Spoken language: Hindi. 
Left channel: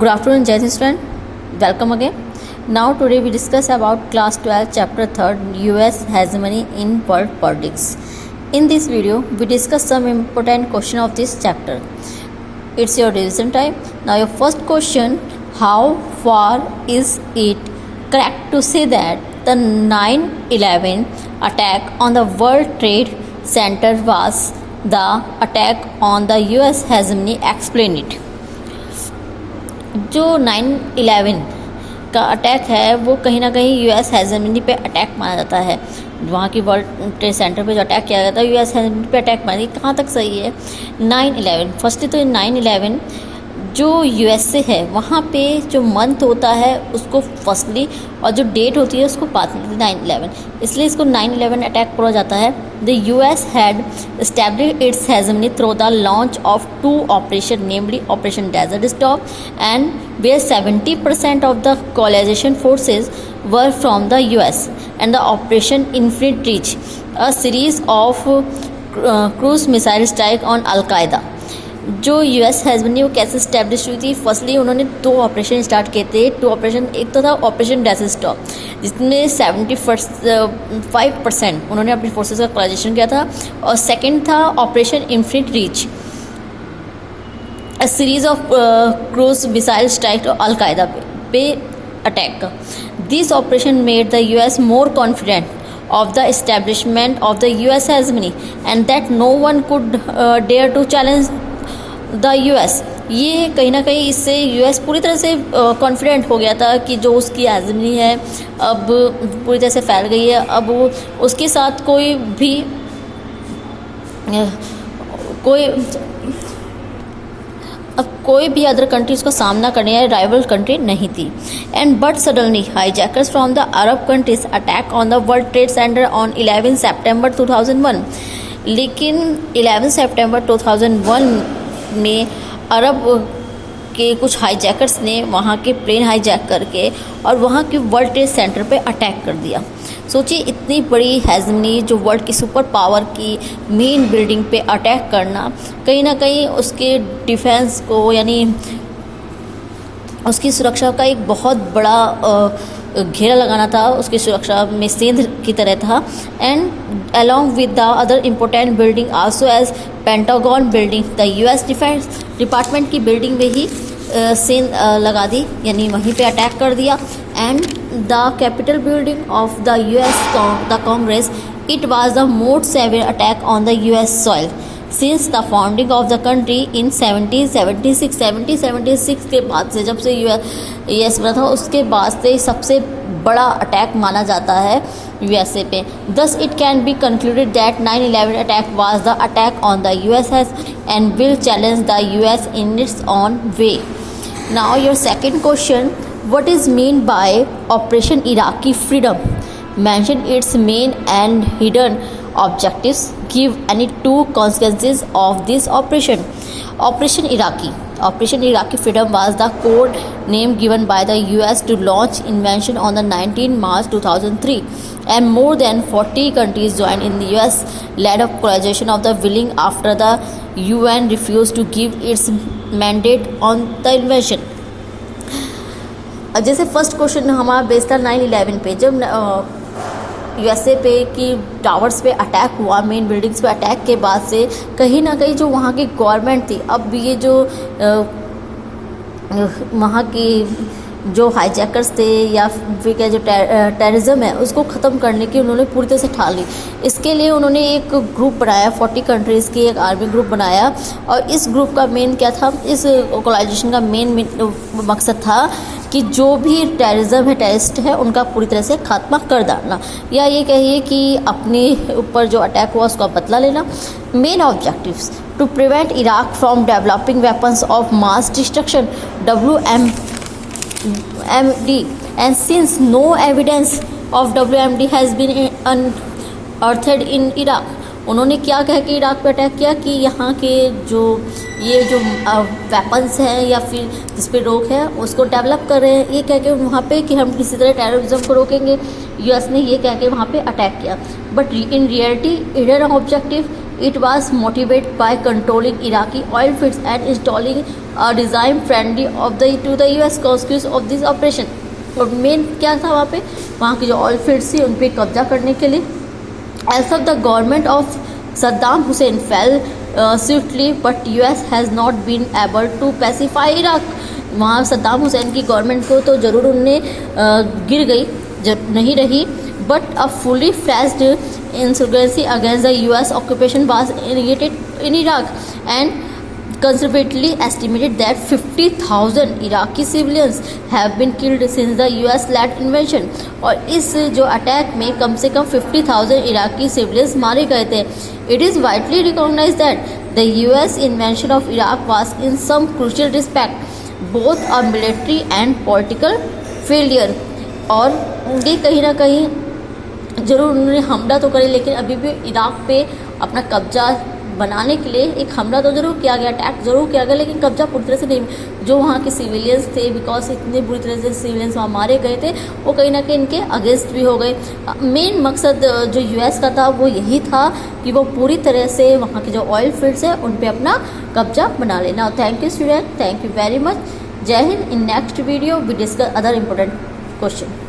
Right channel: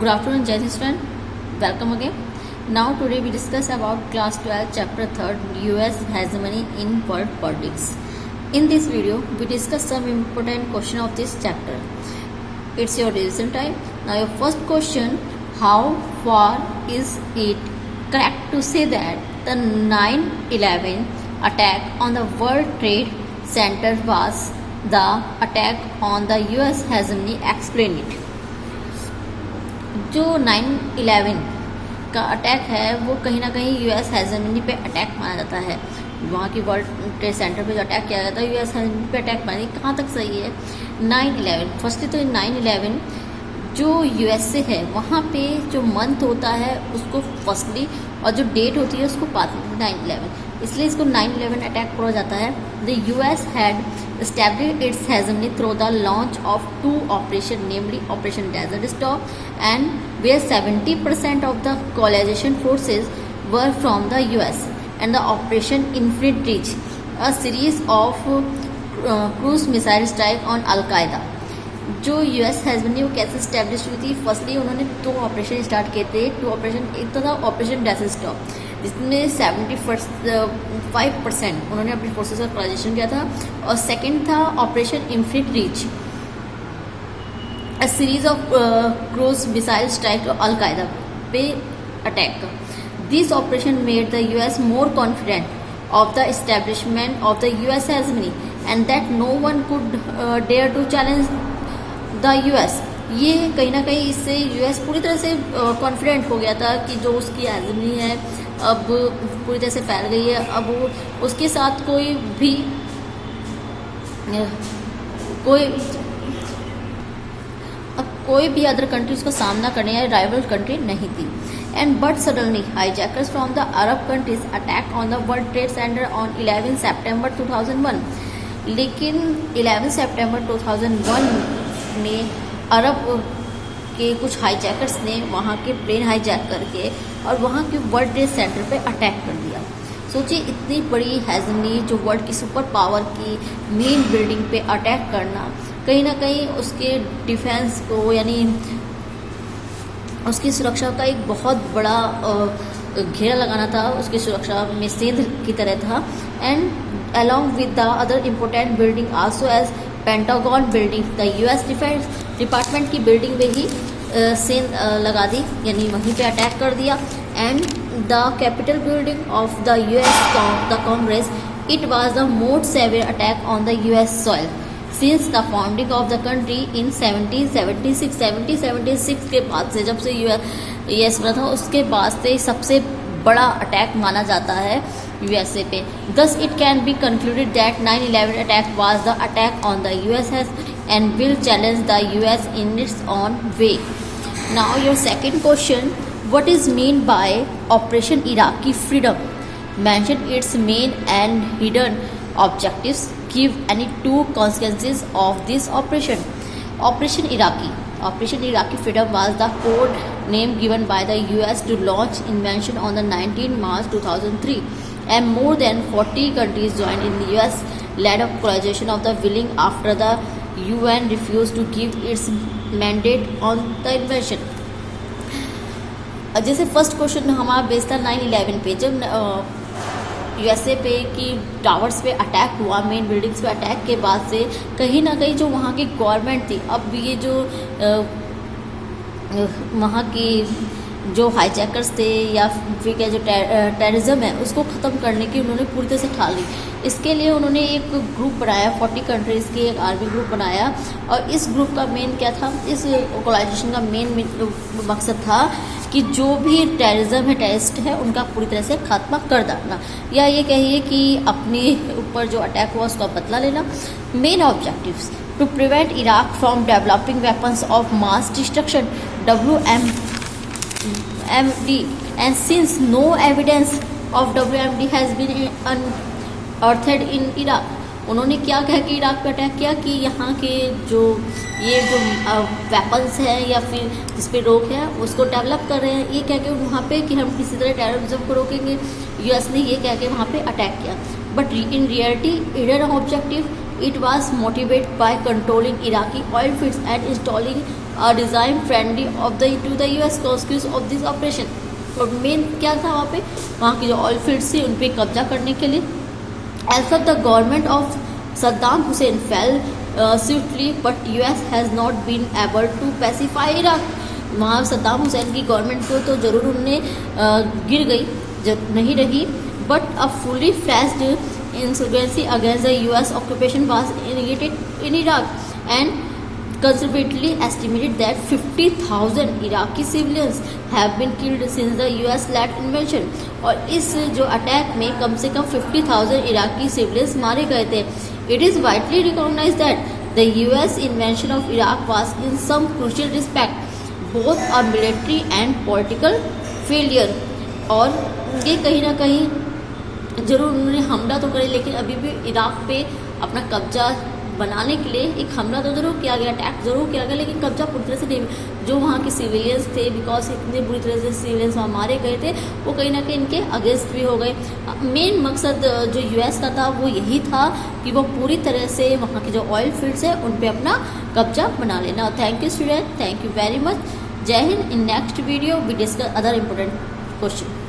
Good afternoon, Jai student. Welcome again. Now today we discuss about class 12 chapter 3 US hegemony in world politics. In this video we discuss some important question of this chapter. It's your revision time. Now your first question, how far is it correct to say that the 9/11 attack on the World Trade Center was the attack on the US hegemony? Explain it. जो 9/11 का अटैक है वो कहीं ना कहीं यूएस हेजेमनी पे अटैक माना जाता है. वहाँ की वर्ल्ड ट्रेड सेंटर पे जो अटैक किया गया था यूएस हेजेमनी पे अटैक माना. कहाँ तक सही है? 9/11 फर्स्ट तो 9/11 जो यूएसए है वहाँ पे जो मंथ होता है उसको फर्स्टली और जो डेट होती है उसको पार्टली 9/11, इसलिए इसको 9/11 अटैक बोला जाता है. The US had established its hegemony through the launch of two operations, namely Operation Desert Storm, and where 70% of the coalition forces were from the US, and the Operation Infinite Reach, a series of cruise missile strike on Al-Qaeda. जो यूएस हेजेमनी वो कैसे स्टैब्लिश हुई थी? फर्स्टली उन्होंने दो ऑपरेशन स्टार्ट किए थे. टू ऑपरेशन, एक तो था ऑपरेशन डेजर्ट स्टॉर्म जिसमें 75% उन्होंने अपनी फोर्सेस का कोलाइजेशन किया था, और सेकंड था operation infinite reach, a series of cruise missile strike Al Qaeda पे attack. This operation made the US more confident of the establishment of the US hegemony and that no one could dare to challenge the US. ये कहीं ना कहीं इससे यूएस पूरी तरह से कॉन्फिडेंट हो गया था कि जो उसकी हेजेमनी है अब पूरी तरह से फैल गई है. अब वो उसके साथ कोई भी अदर कंट्रीज का सामना करने या राइवल कंट्री नहीं थी. And but suddenly hijackers from the Arab countries attack on the world trade centre on 11 सितंबर 2001. लेकिन 11 सितंबर 2001 में अरब के कुछ हाईजैकर्स ने वहाँ के प्लेन हाईजैक करके और वहाँ के वर्ल्ड ट्रेड सेंटर पे अटैक कर दिया. सोचिए, इतनी बड़ी हेजेमनी जो वर्ल्ड की सुपर पावर की मेन बिल्डिंग पे अटैक करना, कहीं ना कहीं उसके डिफेंस को यानी उसकी सुरक्षा का एक बहुत बड़ा घेरा लगाना था, उसकी सुरक्षा में सेंध की तरह था. And along with the other important building also as Pentagon building, the US defence department की बिल्डिंग में ही सेंध लगा दी, यानी वहीं पे अटैक कर दिया. And the Capitol building of the US the Congress, it was the most severe attack on the US soil since the founding of the country in 1776 के बाद से, जब से यूएस बना था उसके बाद से सबसे बड़ा अटैक माना जाता है यूएसए पे. Thus it can be concluded that 9/11 attack was the attack on the US and will challenge the US in its own way. Now your second question, what is mean by Operation Iraqi Freedom? Mention its main and hidden objectives. Give any two consequences of this operation. Operation Iraqi Freedom was the code name given by the US to launch invasion on the 19 March 2003, and more than 40 countries joined in the US led a coalition of the willing after the UN refused to give its mandate on the invasion. जैसे फर्स्ट क्वेश्चन हमारा बेस्ड था 9/11 पे, जब यूएसए पे की टावर्स पे अटैक हुआ, मेन बिल्डिंग्स पे अटैक के बाद से कहीं ना कहीं जो वहाँ की गवर्नमेंट थी, अब ये जो वहाँ की जो हाईजैकर्स थे या फिर क्या जो टेररिज्म है उसको ख़त्म करने की उन्होंने पूरी तरह से ठान ली. इसके लिए उन्होंने एक ग्रुप बनाया, 40 कंट्रीज़ की एक आर्मी ग्रुप बनाया, और इस ग्रुप का मेन क्या था, इस कोलाइजेशन का मेन मकसद था कि जो भी टेररिज्म है, टेररिस्ट है, उनका पूरी तरह से खात्मा कर डालना, या ये कहिए कि अपने ऊपर जो अटैक हुआ उसका बदला लेना. Main objectives to prevent Iraq from developing weapons of mass destruction WMD, and since no evidence of WMD has been unearthed in Iraq. उन्होंने क्या कह के इराक पे अटैक किया कि यहाँ के जो वेपन्स हैं या फिर जिस पे रोक है उसको डेवलप कर रहे हैं, ये कह के वहाँ पे कि हम किसी तरह टेररिज्म को रोकेंगे. यूएस ने ये कह के वहाँ पे अटैक किया. But in reality hidden objective, it was motivated by controlling Iraqi oil fields and installing design friendly to the US consequence of this operation. और मेन क्या था वहाँ की जो ऑयल फील्ड्स थी उन पर कब्जा करने के लिए। As of the government of Saddam Hussein fell swiftly but US has not been able to pacify Iraq. वहाँ सद्दाम हुसैन की गवर्नमेंट को तो ज़रूर उनने गिर गई जब नहीं रही, but a fully flashed insurgency against the US occupation was initiated in Iraq and conservatively estimated that 50,000 Iraqi civilians have been killed since the US-led invasion। और इस जो अटैक में कम से कम 50,000 इराकी सिविलियंस मारे गए थे। It is widely recognized that the US invasion of Iraq was in some crucial respect both a military and political failure। और ये कहीं ना कहीं जरूर उन्होंने हमला तो करे, लेकिन अभी भी इराक पे अपना कब्जा बनाने के लिए एक हमला तो जरूर किया गया, अटैक जरूर किया गया, लेकिन कब्जा पूरी तरह से नहीं। जो वहाँ के सिविलियंस थे, बिकॉज इतने बुरी तरह से सिविलियंस वहाँ मारे गए थे, वो कहीं ना कहीं इनके अगेंस्ट भी हो गए। मेन मकसद जो यूएस का था वो यही था कि वो पूरी तरह से वहाँ के जो ऑयल फील्ड्स है उन पर अपना कब्जा बना लेना। Thank you student, thank you very much. Jai Hind. In next video we discuss other important question.